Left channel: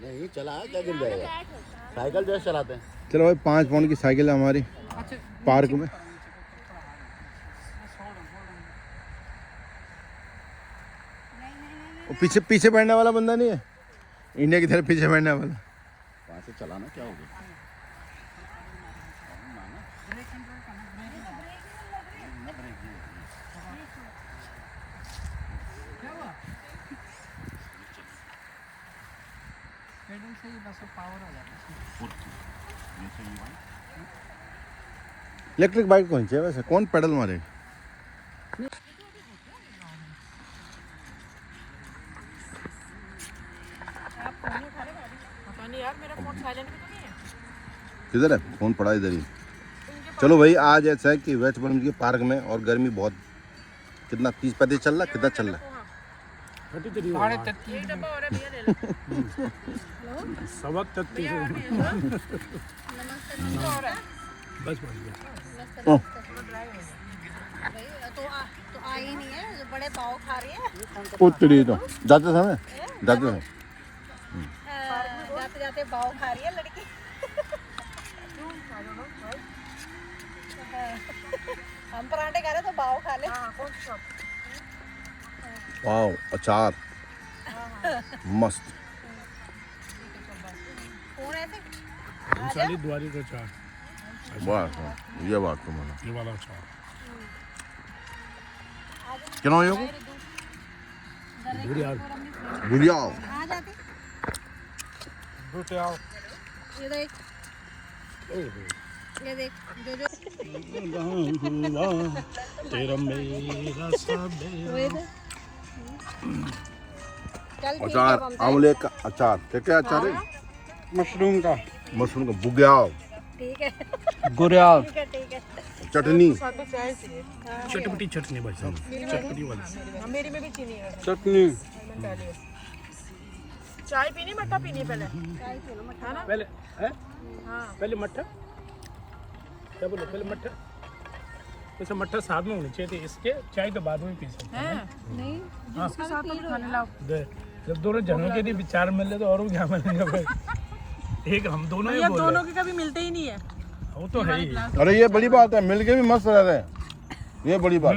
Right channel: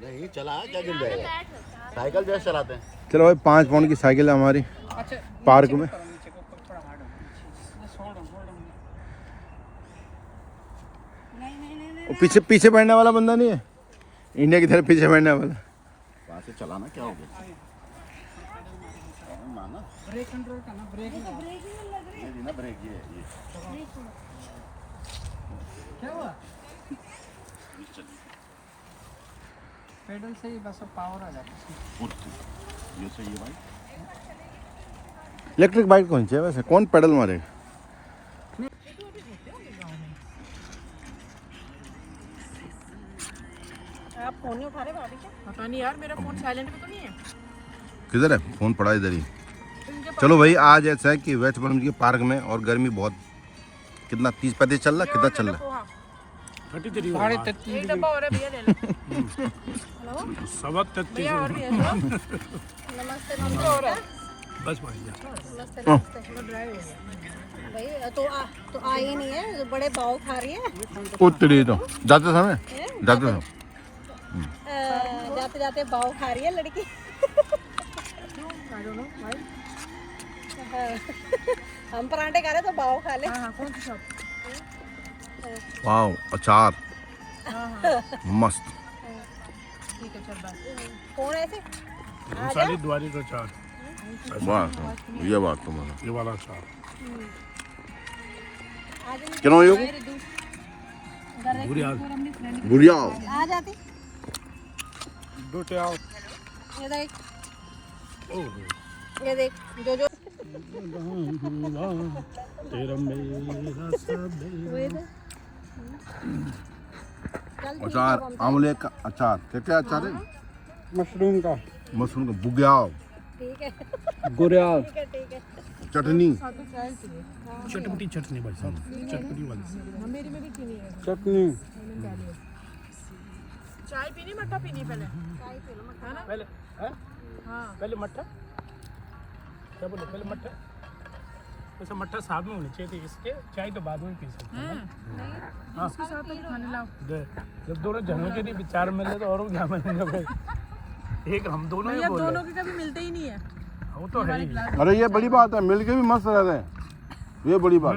नहीं चला क्या गिर जाएगा, साइकिल जैसे चलाते हैं। चलो भाई 5 पाउंड की साइकिल है हमारी पार्क में। पीछे पीछे बैठने वाला बंदा नहीं है, इंडिया की तरफ पीछे बैठने वाला। वहाँ से चलाना क्या हो गया, ब्रेक कंट्रोल करना, ब्रेक ये ना ब्रेक ये क्या हुआ? पेडल से ही बस पावर आ जाता है। ये सही है भाई। इलेक्ट्रिक बाइक कौन सी है वैसे, कौन पेडल मारेगा? आप फोन नहीं उठा रहे हो अभी क्या? पता नहीं यार, मेरा फोन साइलेंट पे तो नहीं है। किधर है फोन? पड़ा इधर ही। चलो भाई आज ऐसा है कि वेस्ट बर्म के पार्क में, और गर्मी बहुत, कितना 30-35 चल रहा, कितना चल रहा है? 33.5 एक डब्बा और है भैया लेना। भैया और भी है सर। नमस्ते नमस्ते और है। बस भाई तो आ ही नहीं है, बड़े भाव खा रही है। उतरी तो जाते समय जाते समय जाते जाते भाव खा रही है लड़की। हम परांठे खा रहे तो भाव खा ले। कौन सी शॉप? वाह अचार मस्त। ठीक है चल बाय। कौन ऐसे आ जा। द्वारी का चार, वाह ये बात तुम्हारा ये वाला चार क्या हो गुड़िया आ जाते। बेटे आओ। ये देख जो जो तेरा मेरा अचार, आंवले का अचार, क्या क्या अचार है? मशरूम का, मशरूम का बुग्याल, ठीक है गुरियाल, ठीक है ठीक है। चटनी, चटपटी चटनी भाई साहब, चटपटी वाली मेरी में भी चीनी है। चटनी। चाय पीनी मट्ठा पीनी पहले? चाय पी लो मट्ठा ना पहले हाँ पहले मट्ठा, क्या बोलो पहले मट्ठा? वैसे मट्ठा साथ में होनी चाहिए थी, इसके चाय के बाद में पी सकते हैं। नहीं हाँ। साथ में खाने लाओ। जब दोनों जनों के लिए विचार मिले तो और क्या मिलेगा भाई, एक हम दोनों ही बोल रहे दोनों के कभी मिलते ही नहीं है। वो तो है ही। अरे ये बड़ी बात है, मिलके भी मस्त रह रहे हैं, ये बड़ी बात।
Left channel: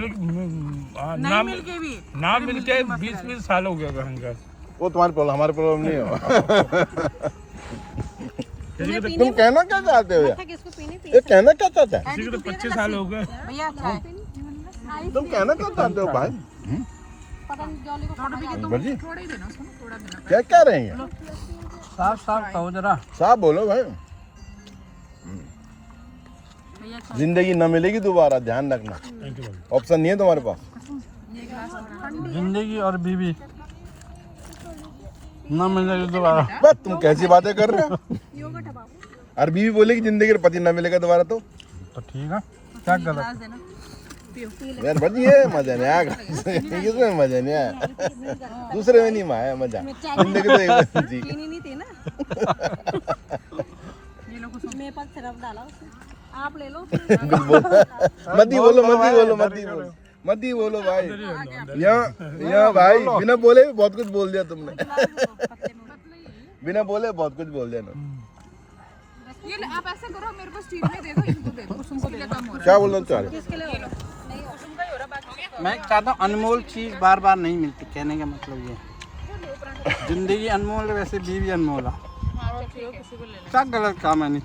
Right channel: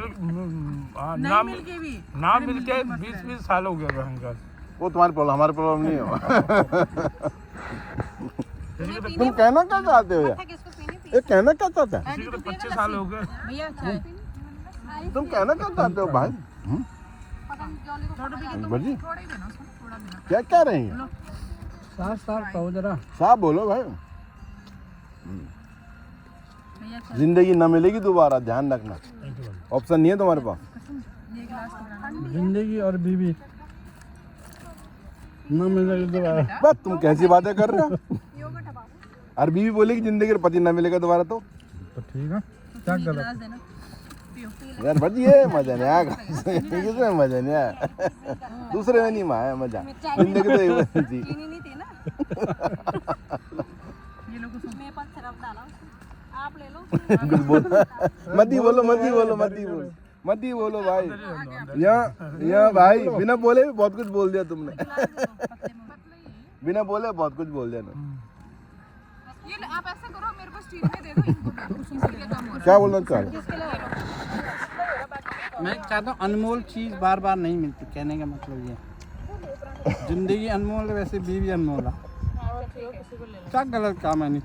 ना मिलके भी, ना मिलके 20-20 साल हो गया हमका। वो तुम्हारी प्रॉब्लम, हमारी प्रॉब्लम नहीं है। तुम कहना क्या चाहते हो यार? किसको पीनी पी ये कहना क्या चाहते हैं? किसी को तो 25 साल हो गए। भैया चाय तुम कहना क्या चाहते हो भाई? पतंजलि को खाना जाता बड़ी थोड़ा ही देना उसको, थोड़ा देना। क्या कह रहे हैं? साफ साफ कहो जरा। साफ बोलो भाई। भैया जिंदगी न मिलेगी दोबारा, ध्यान रखना। ऑप्शन नहीं है तुम्हारे पास। जिंदगी और बीवी ना मिलेगी दोबारा। बस तुम कैसी बातें कर रहे हो? और बीवी बोलेगी जिंदगी में पति न मिलेगा दोबारा तो ठीक है, क्या कर रहा? देना यार बस ये मजा नहीं आया, इसमें मजा नहीं आया, दूसरे में नहीं आया मजा। जिंदगी तो एक बार जी। चीनी नहीं थी ना। ये लोगों को मेरे पास सिरप डाला उसमें, आप ले लो। कुछ बोल मत ही बोलो, मत ही बोलो, मत ही बोलो, मत ही बोलो भाई। यहाँ भाई बिना बोले भी बहुत कुछ बोल दिया तुमने। बिना बोले बहुत कुछ बोल दिया ना। ये आप ऐसा करो, मेरे पास चीनी नहीं दे दो, इनको दे दो, उसके लिए कम हो रहा क्या बोलना चाह रहे? किसके लिए हो रहा? मैं कहता हूँ अनमोल चीज बार बार नहीं मिलती, कहने का मतलब ये। जिंदगी अनमोल है, वैसे बीवी अनमोल है। क्या गलत काम है? नहीं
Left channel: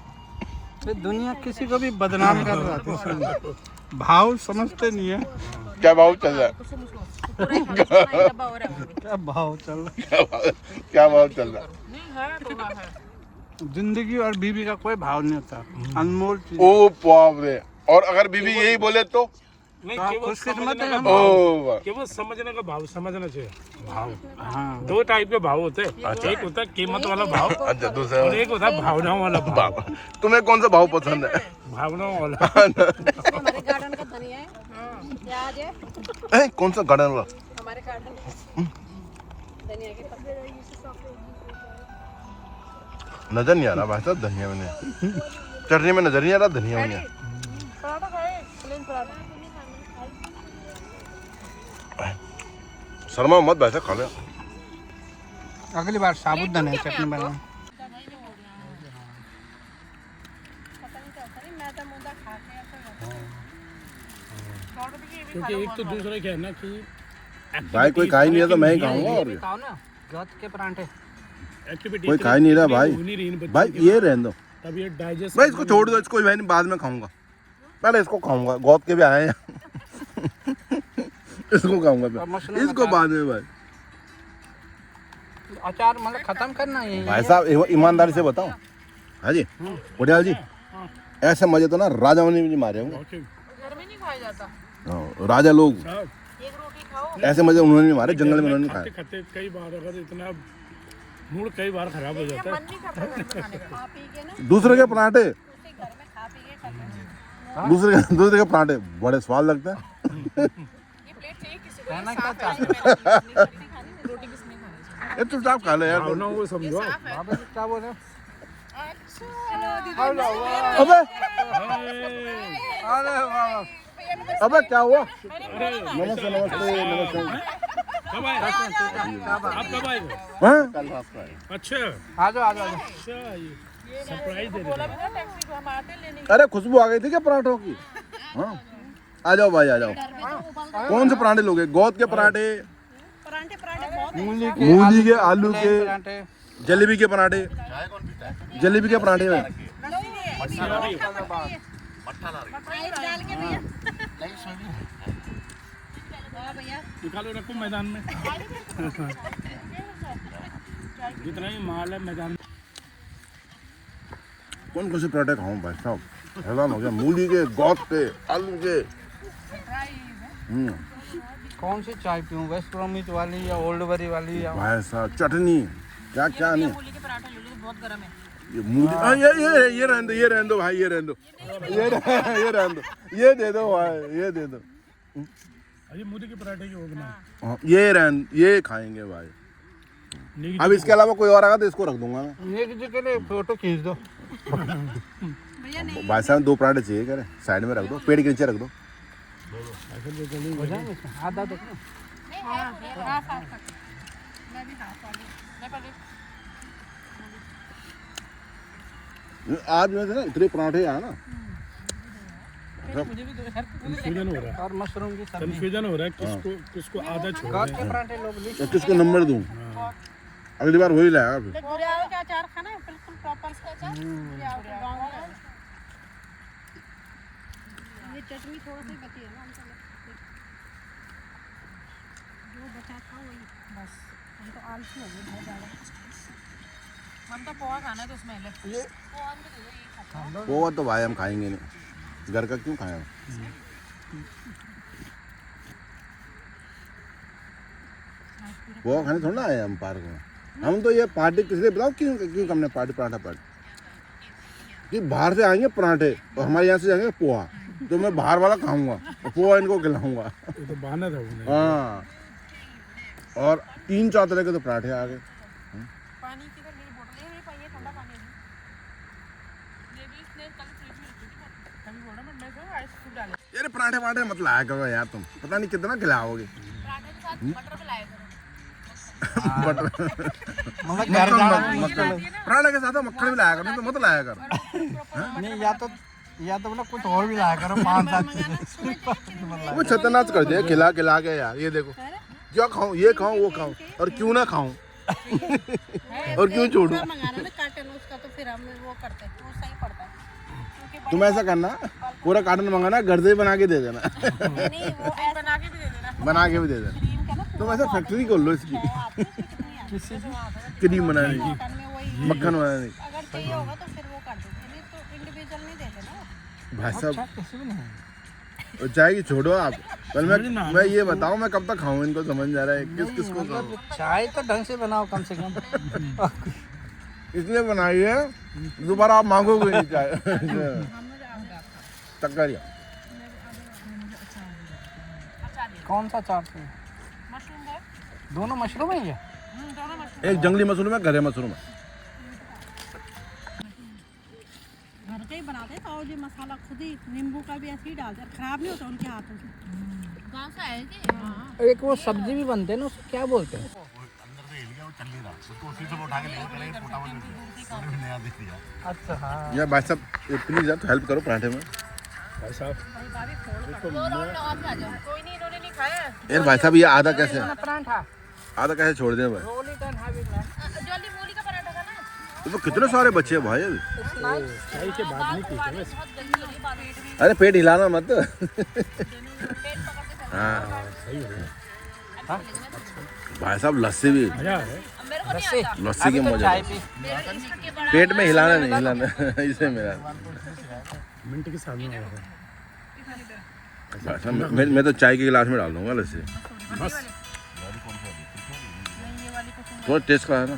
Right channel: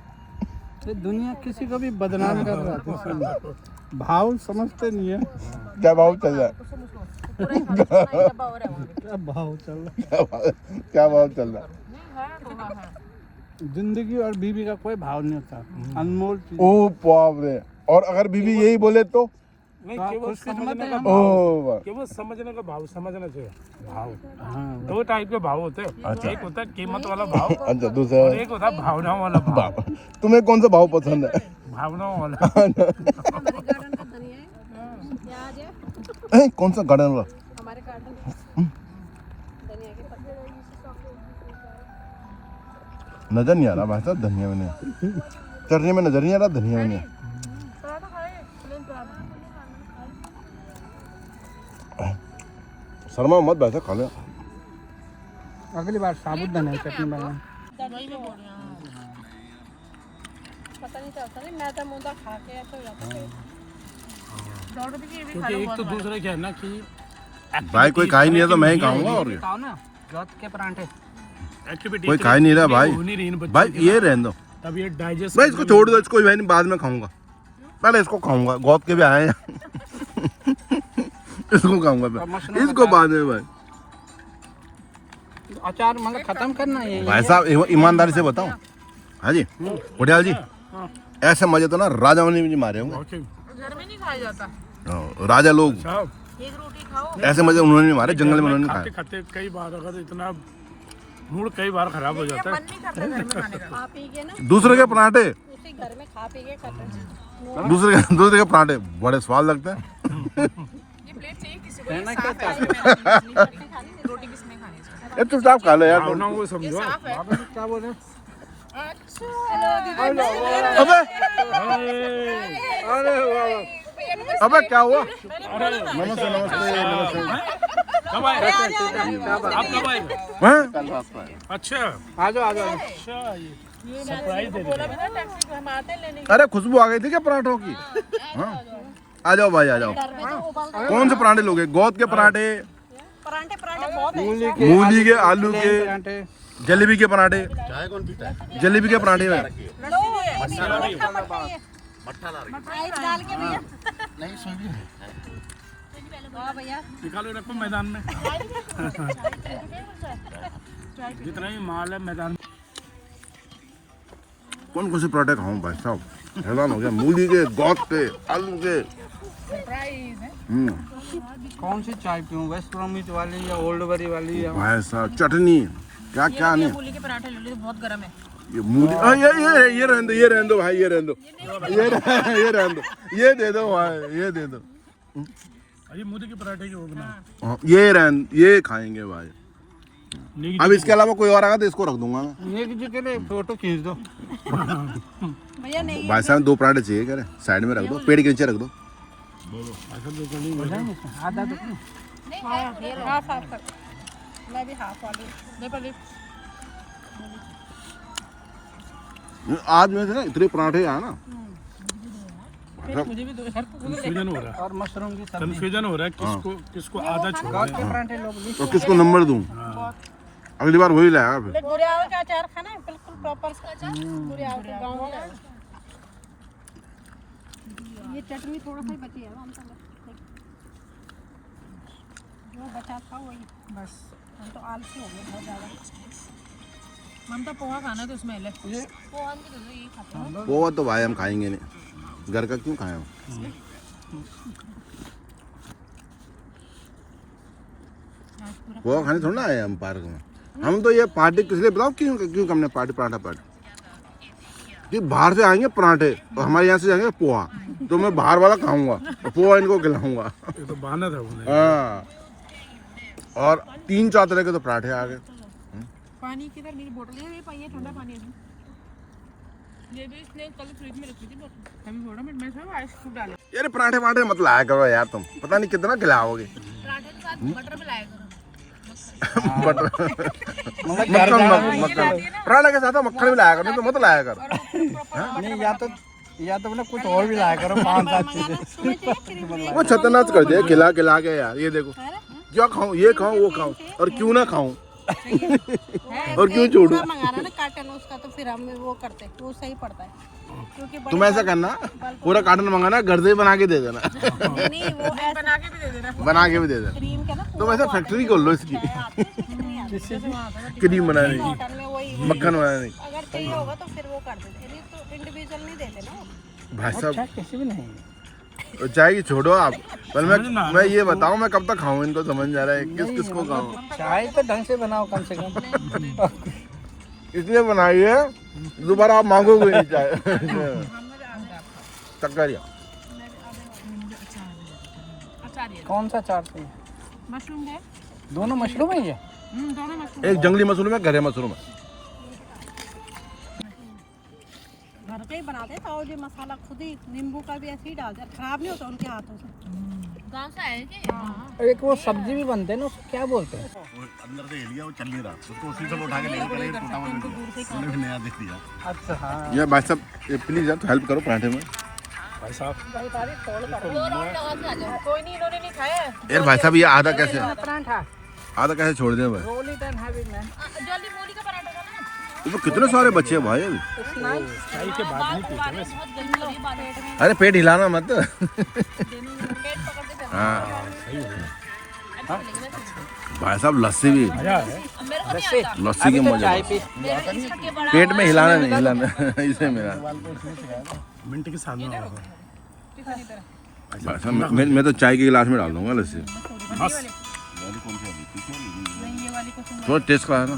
ये दुनिया किसी को भी बदनाम कर रहा है, भाव समझते नहीं है। क्या भाव चल रहा है? क्या भाव चल रहा क्या भाव चल रहा है? है? जिंदगी और बीवी का कोई भाव नहीं होता, अनमोल चीज। ओ बाप रे, और अगर बीवी यही बोले तो? नहीं, केवल समझने का ओ भाव, वाह। केवल समझने का भाव समझना चाहिए। भाव, हाँ, दो टाइप के भाव होते हैं। एक होता है कीमत वाला भाव, अच्छा दूसरा और एक होता है भावनाओं वाला भाव। तुम्हें कौन सा भाव पसंद है? भावनाओं वाला। हमारे गार्डन का धनिया है, प्याज है कौन सा गार्डन वाला? हमारे गार्डन में। धनिया के पत्ते नजर नहीं आ रहा भाई साहब धनिया में, चटनी में नजर नहीं आ रहा धनिया में। शर्मा मत भाई साहब, खा ले। अगली बार साबुदाना क्या चटनी मैं आपको? बनाना। पता नहीं चलता नहीं मैं तो मुंडा खा के ऐसा हो जाता है। 100 रुपए की ये भी खा लो एक बहुत तो बड़ा। दूसरा क्या है ना कि भाई कोई खा ही नहीं रहा तो मैं ही खाऊंगा और क्या। खाओ ना जोत के परांठे। कोई खा ही नहीं रहा भाई। भाई ये रहने दो तब ये डाइजेस्ट भाई, इसको छोड़ दो, इसको भाई बाद में खाऊंगा, पहले इसको खाऊंगा। गौत के भी आए हैं इसको खाऊंगा और मैं, मशरूम इसको बाद में भाई। अचार मतलब खत्म करना है भाई साहब ईमानदारी से बताओ, हाँ जी बुढ़िया जी, ऐसे मजे तो ना राजाओं ने भी नहीं मारे होंगे। घर में नहीं खाया जाता। हाँ, राजा लोग एक रोटी खाओ। ऐसे मजे उन्होंने नहीं मारे, जंगल में उन्होंने खाए। खाते कई बार अगर इतना मूड कई बार खराब हो जाता है। खा पी के ना दूसरे के पराठे, उसी घर में खा पी के खत्म। दूसरे के पराठे बड़े स्वाद लगते हैं। ये प्लेट चाहिए किसी को? कहना ये क्या साफ है, मैंने नहीं खानी, रोटी किसने खानी है? ये तो साफ खा लो यार तुम। ना वो समझो। साफ है। क्या बोल रहे अरे अबे क्या हुआ? हाँ? अच्छा आ जाओ आ जाओ। हम आते लेने अरे खुशबू आ गई थी क्या पराठों की? हाँ? आ जाओ भाई आ जाओ। कौन से पराठे लोगे? गोद के पराठे, परांठे परांठे बहुत मूली के मूली के, आलू के, परांठे। जलेबी के पराठे, चाय कौन पीता है? जलेबी के पराठे में आइस डाल के भैया। नहीं सुनिए वाह भैया। निकाले रखो मैदान में। जितना ही माल है मैदान में। कौन कौन से पराठे खाऊं भाई साहब? हैरान हो गया। मूली के, गोद के, आलू के। सरप्राइज है। कौन सी चाय पीऊँ, वेस्ट ब्रोमिच वाली या ओल्ड बरी वाली या भाई साहब चटनी क्या क्या नहीं। मूली के पराठे ले लो, बहुत गर्म है। ये मूली ये रहने दो भाई, ये रहने दो, ये रहने दो, ये दे दो भाई, ये दे दो। ये मोदी के पराठे की होगा। हाँ, ये खाएंगे भाई। अब इसके अलावा कोई और आएगा तो इसको रख दूंगा मैं। नेक जी के लिए फोटो खींच दो। भैया नहीं भाई साहब 2 पराठे चाहिए करे, साइड में रख दो, पेड़ के नीचे रख दो। हो जाएंगे आधा देखो। हाफ हाफ कर। मैं भी हाफ वाली नहीं पहले आज में से ना इतने पराठे आए ना, मुझे भी दो यार। कंफ्यूजन हो रहा है। और मशरूम की सब्जी। कंफ्यूजन हो रहा है किसको किसको आधा छोड़। गोद के परांठे लोग भी। तो किसको नंबर दूं? अगली बार वही लाया फिर। पूरे आलू का अचार खाना है बिल्कुल प्रॉपर पूरे आलू का गाँव का। ये चटनी थोड़ा सा ही बची है हम वो बचा था वही बस। हम तो आलसी हो गए बहुत ज़्यादा। मन तो पोहा खाना है तो उसमें ले। ये पोहा भी दे दो, ये खाता हूं। वो तो भाई हम खाएंगे नहीं, घर का क्यों खाएं हम? वो खाने थोड़ा ना आए हम पार्क में। हम तो ये पार्टी किस लिए बताओ, क्यों क्यों हमने पार्टी पराठा पार्टी कि बाहर से आएंगे पराठे और हमारे यहाँ से जाएंगे पोहा, तो मैं बाहर वाला खाऊंगा और पोहा इनको खिलाऊंगा। ये तो बहाना था वो। हाँ, और 3-4 तरह के तो पराठे आ गए। पानी किधर मेरी बोतल नहीं पाई है, ठंडा पानी है। ये भी इसने कल फ्रिज में रखी थी बोतल, तभी बोला मैं सब आइस क्यूब डाले। यार पराठे पराठे मत लाया करो यार, तुम पता नहीं कितना खिलाओगे। पराठे के साथ मटर मिलाया करो। मतलब घर मक्खन जाना पराठे के साथ मक्खन भी लाया करो, नहीं तो मत लाया करो। नहीं या तो ना कुछ और भी लाया करो 5-7 चीजें। वो छतनाच कर दिया खिला खिला के यार। ये देखो क्या खाऊं, ये खाऊं वो खाऊं और क्यों ना खाऊं और क्यों छोड़ूं। मंगाना ना कार्टन उसका तो फिर हम वो करते वो सही पड़ता है क्योंकि तुम ऐसा करना, पूरा कार्टन मंगाना, घर से ही बना के दे देना, नहीं वो बना के भी दे देना। बना के भी दे देना। क्रीम का ना तुम ऐसा फैक्ट्री खोल लो इसकी, किसी की क्रीम बनाने की, कॉटन में वही मक्खन बनाने की। अगर चाहिए होगा तो फिर वो कर देते नहीं तो इंडिविजुअल नहीं देते ना। भाई अच्छा साहब किसी भी नहीं। चाय की छोड़ो आप, पर मैं ये बताऊं मैं कब तक खाऊं इनको, समझ नहीं आ रहा है किस किसको खाऊं। चाय तो ढंग से बनाओ कम से कम। इसलिए बनाई है दोबारा आप मांगोगे नहीं चाय। तक्करिया कौन सा चाट चाहिए? मशरूम है। दोनों मशरूम है ये? दोनों मशरूम। एक जंगली मशरूम है, घरे मशरूम है। घर के ही बनाते हैं और ये मसाला खुद ही नींबू का भी ऐसे ही डालते हैं, खराब नहीं होता उनके हाथों से। गाँव से आए थे। हाँ। और एक वो सब्जी भी बनते हैं ना, उसको क्या बोलते हैं? अंदर से हिल गया, वो चल नहीं रहा, उसको उसी से उठा के लेके चले गए, टूटा हुआ मिल गया, उन्होंने भी नया दे दिया। अच्छा हाँ ये भाई साहब प्लीज यार हेल्प करो पराठे में। भाई साहब कोई नहीं, इन्होंने नहीं खाया है। ए भाई साहब ये आधा कैसे छोड़ दिया भाई? जल्दी मूली का पराठा खाना है। तो कितने सारे बच्चे हैं भाई अभी। बाल उगा रहे हैं, बहुत गंदी लगी बाल पेट में। अरे पेट हिलाना मत। पेट पकड़ के हाँ भाई साहब लस्सी भी, अब मेरे को नहीं आता। लस्सी की मजा, मेरा इसके बड़ा पेट में हिलाना नहीं हिलाना इसे मेरा। मिनट के सामने आ रहा है। भाई साहब मैं तो चाय के गिलास में डाल दूंगा लस्सी, थोड़ा टेस्ट करा ना।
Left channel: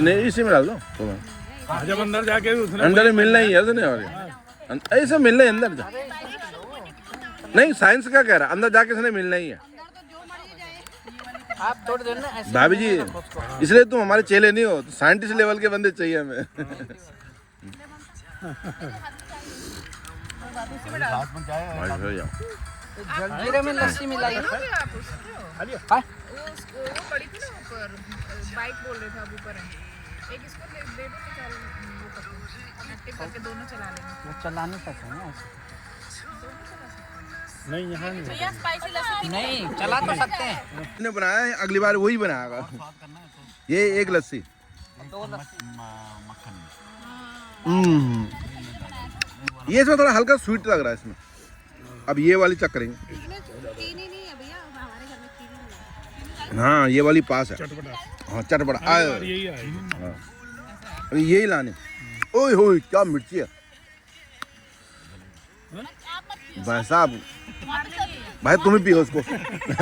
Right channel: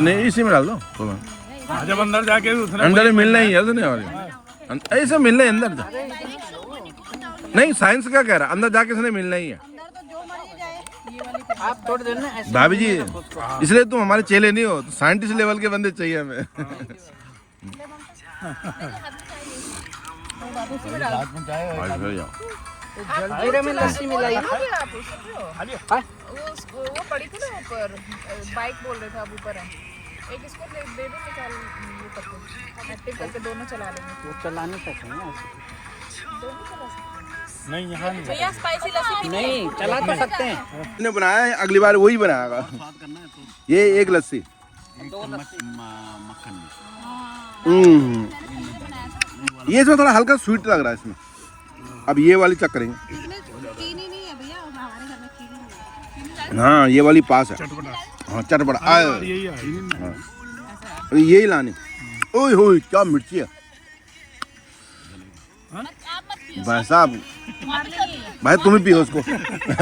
नहीं इसी में डाल दो, जब अंदर जाके उतना अंदर मिलना ही है ऐसे मिलना है अंदर। नहीं साइंस क्या कह रहा है, अंदर जाके इसने मिलना ही है। आप थोड़ी देर ना ऐसे भाभी जी इसलिए तुम हमारे चेले नहीं हो, तो साइंटिस्ट लेवल के बंदे चाहिए हमें। रात में चाय और जलजीरे में लस्सी मिलाई वो पड़ी थी ना ऊपर, बाइक बोल रहे थे अब ऊपर है। एक इसको दे दे निकाल ऊपर को, एक्टिव करके दोनों चला लेंगे। वो चला नहीं सकते ना ऐसे दोनों चला सकते नहीं यहाँ हैं। भैया स्पाइसी लस्सी नहीं चला तो सकते हैं। ने बनाया है, अगली बार वही बनाएगा। ये एक लस्सी मक्खन में। ये इसमें थोड़ा हल्का स्वीट लग रहा है इसमें। अब ये वाली चेक करेंगे। चीनी नहीं है भैया, हमारे घर में चीनी नहीं है। हाँ ये वाली पास है, हाँ चटपटा यही है। यही लानी। ओए होए क्या मिर्ची है भाई साहब। भाई तुम ही पियो उसको।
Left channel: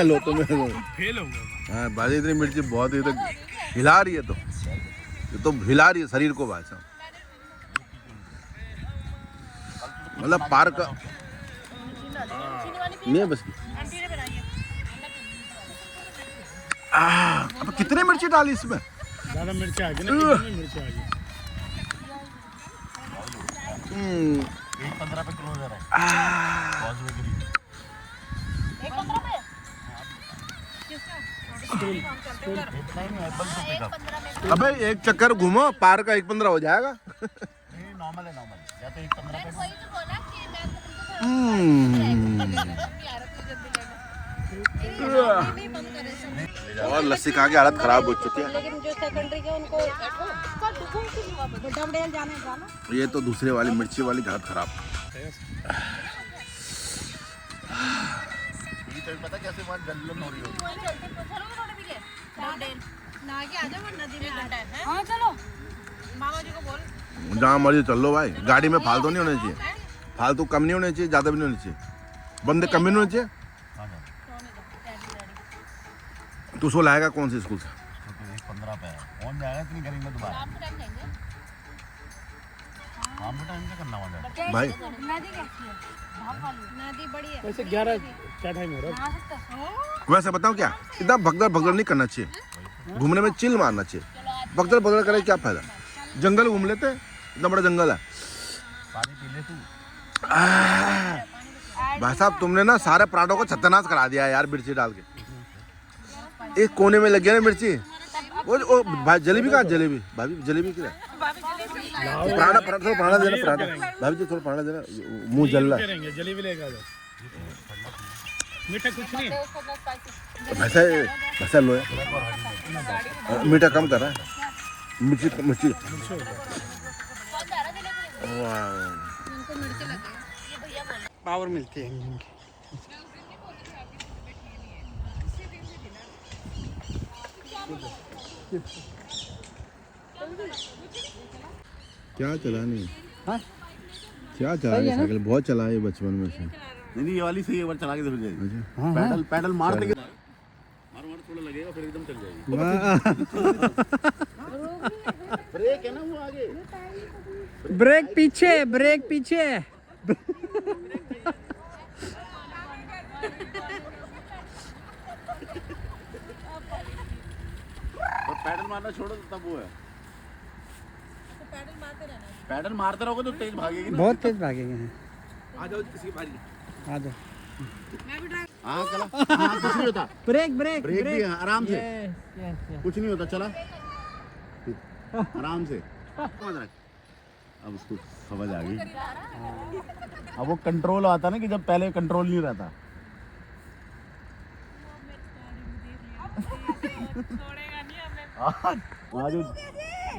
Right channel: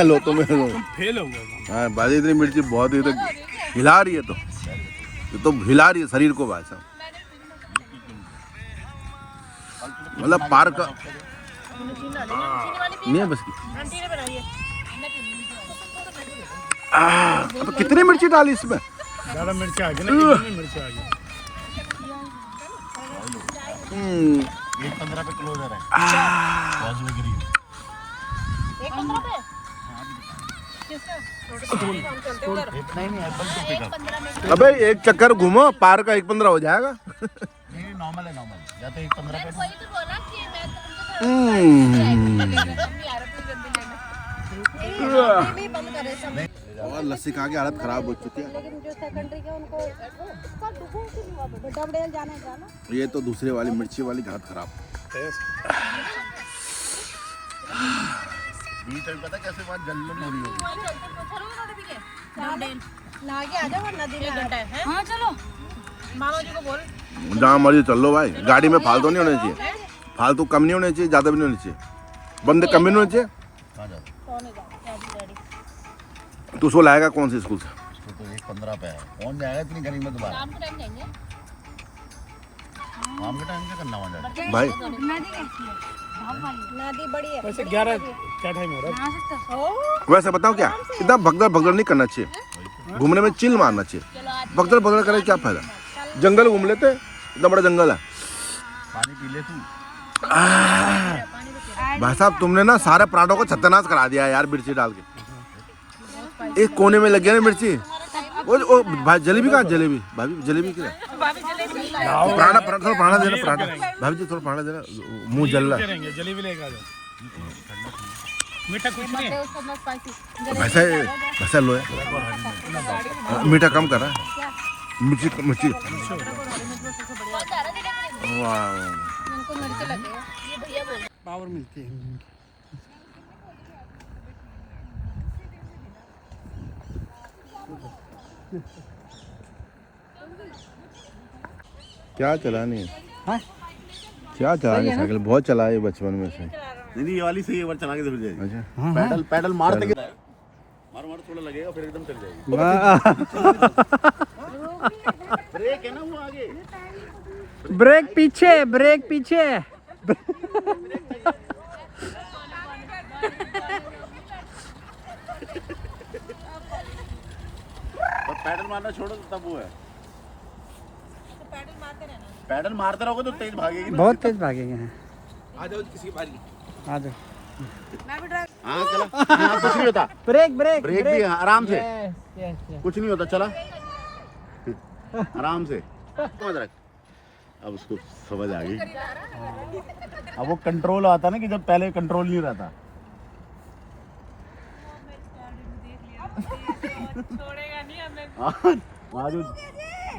लो तुम्हें लो। फेल हो गया। हाँ भाई इतनी मिर्ची बहुत ही तो हिला रही है, तो ये तो हिला रही है शरीर को भाई साहब। मतलब पार्क नहीं है बस। अब कितनी मिर्ची डाली इसमें? ज़्यादा मिर्च आ गई ना, कितनी मिर्च आ गई। 1.15 पे क्लोजर है। अबे एक चक्कर घूमो पार्क का 1.15 हो जाएगा। नहीं नॉर्मल है, नॉर्मल या तो 1.15 पे। वही तो बोला कि मैं बंद करे सब। और लस्सी खा के हालत खराब हो चुकी है। लेकिन जो सेकेंडरी के उनको बुड्ढा बुढ़िया जाने जाना। ये तो दूसरे वाली मिर्ची वाली हालत खराब। पता कैसे बात जल्द हो रही है। नागे आ जाओ नदी में। हाँ चलो, मामा जी को बोल। जहाँ मर्जी चल लो भाई, गाड़ी में फालतू नहीं होना चाहिए, फालतू कम नहीं होना चाहिए, ज्यादा भी नहीं होना चाहिए, बंदे कम भी नहीं होने चाहिए। तू उसको लाएगा कौन से स्कूल से? तो 1.15 पे है, कौन जाएगा इतनी गर्मी में दोबारा? शाम को टाइम जाएंगे। शाम के टाइम क्या करना वहाँ जाके? भाई नदी बड़ी है। वैसे 11 क्या टाइम हो रहा है? वैसे बताओ क्या, इतना भगदड़ भगदड़ नहीं करना चाहिए, घूमने में चिल मारना चाहिए। भगदड़ भगदड़ करे क्या फायदा? जंगल घूम लेते, इतना बड़ा जंगल है। पानी पी ले तू। भाई साहब तुमने ना सारे पराठों को छत्तनाश करा दिया यार मिर्ची डाल के। एक कोने में लग गया ना मिर्ची। वो भाई जलेबी कहाँ? जलेबी भाभी जलेबी क्या? पराठा पराठा थोड़ा पराठा देना, पराठा भाभी जी थोड़ा पराठा देना, मुंह जलना। करेंगे जलेबी लेगा। मीठा कुछ नहीं। ऐसा ऐसा लो, मीठा कम कर रहा है, मिर्ची मिर्ची। पावर मिलती है। क्या चलानी है? क्या चलानी है? साइकिल बहुत चला है बचपन में से। नहीं ये वाली सही है, एक बार चला के देखो जाएगी। अच्छा पैडल पैडल मारते के मारो मारो थोड़ा लगेगा फिर एकदम चल जाएगी। ब्रेक है ना वो आगे। ब्रेक पीछे, ब्रेक पीछे। और पैडल मारना छोड़ो तब वो है। पैडल मारते रहोगे तो तेज भागेगी ना। बहुत तेज भागेंगे। आ जाओ किसी की बारी। आ जाओ। मैं भी ड्राइव हाँ चला, हाँ कुछ नहीं होता, ब्रेक ब्रेक ब्रेक भी आराम से, यस कुछ नहीं होता, चला आराम से। समझ रहा, अब उसको समझ आ गई। अब वो कंट्रोल आता ना कि जब पहले कंट्रोल नहीं रहता। छोड़ेगा नहीं हमें। वहाँ जो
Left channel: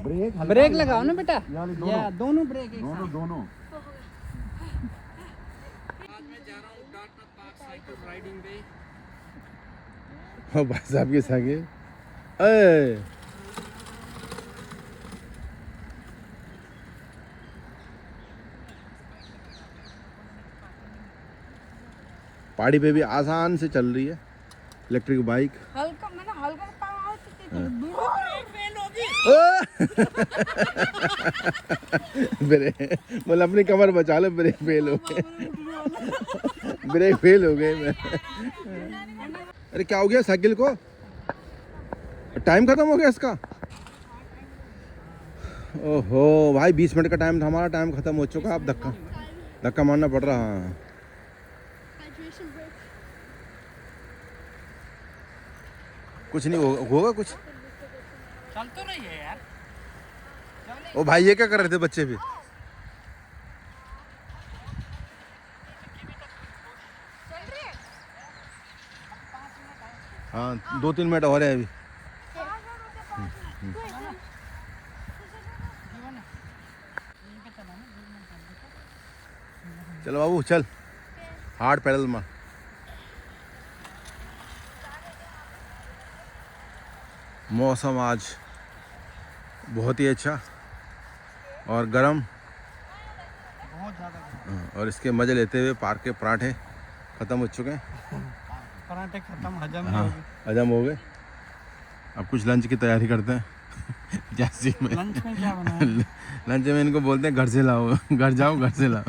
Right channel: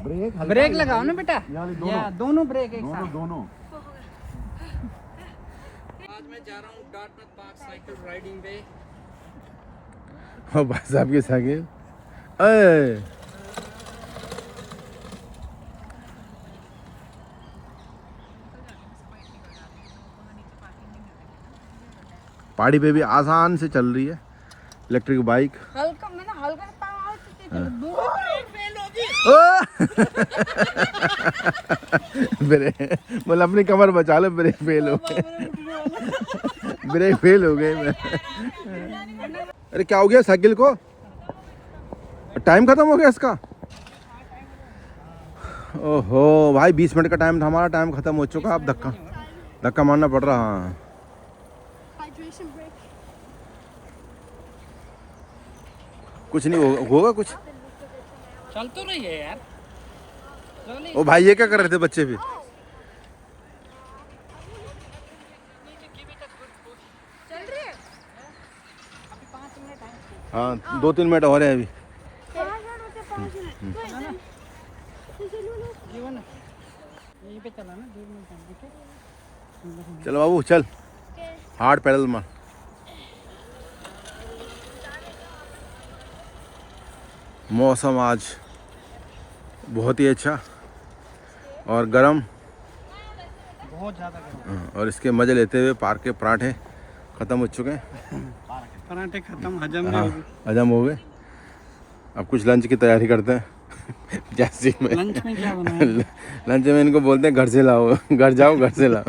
ब्रेक ब्रेक लगाओ ना बेटा, दोनों दोनों ब्रेक एक साथ। दोनों आज मैं जा रहा हूँ डार्टमouth पार्क साइकिल राइडिंग पे। भाई साहब के सागे अरे पहाड़ी पे भी आसान से चल रही है इलेक्ट्रिक बाइक। हल्का मैंने हल्का पाँव ब्रेक मतलब अपनी कमर बचा लो, ब्रेक फेल हो गए, ब्रेक फेल हो गए। अरे क्या हो गया साइकिल को, टाइम खत्म हो गया इसका। ओहो भाई 20 मिनट का टाइम था हमारा, टाइम खत्म हो चुका। अब धक्का मारना पड़ रहा। हाँ कुछ नहीं होगा कुछ। चल तो रही है यार। ओ भाई ये क्या कर रहे थे बच्चे भी। हाँ 2-3 मिनट हो रहे हैं अभी। यहीं पे चला ना 2 मिनट। चल बाबू चल, हार्ड पैडल मार। मौसम आज बहुत ही अच्छा और गर्म, बहुत ज़्यादा गर्म। और इसके मज़े लेते हुए पार्क के पराठे ख़त्म हो चुके हैं। पराठे खत्म, हजम नहीं हाँ होगी। हजम हो गए। अब कुछ लंच की तैयारी करते हैं। जैसे में लंच में क्या बनाया? लंच में इनको बोलते हैं घर से लाओ, घर जाओ घर से लाओ।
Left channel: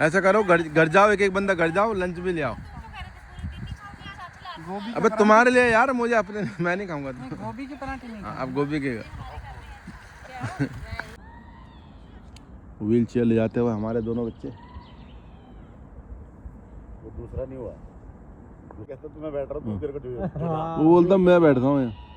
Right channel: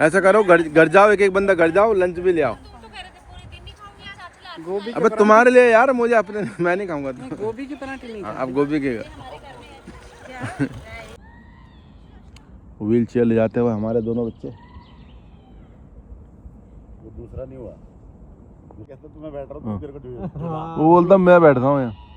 ऐसा करो, घर जाओ, एक बंदा घर जाओ, लंच भी ले आओ। गोभी अबे तुम्हारे लिए यार, मुझे अपने, मैं नहीं खाऊंगा तो। गोभी के पराठे नहीं अब गोभी के व्हील चेयर ले जाते हुए हमारे दोनों बच्चे। वो दूसरा नहीं हुआ, कहता तुम्हें बैठ रहा हूँ, तेरे को वो बोलता मैं बैठता हूँ यहाँ।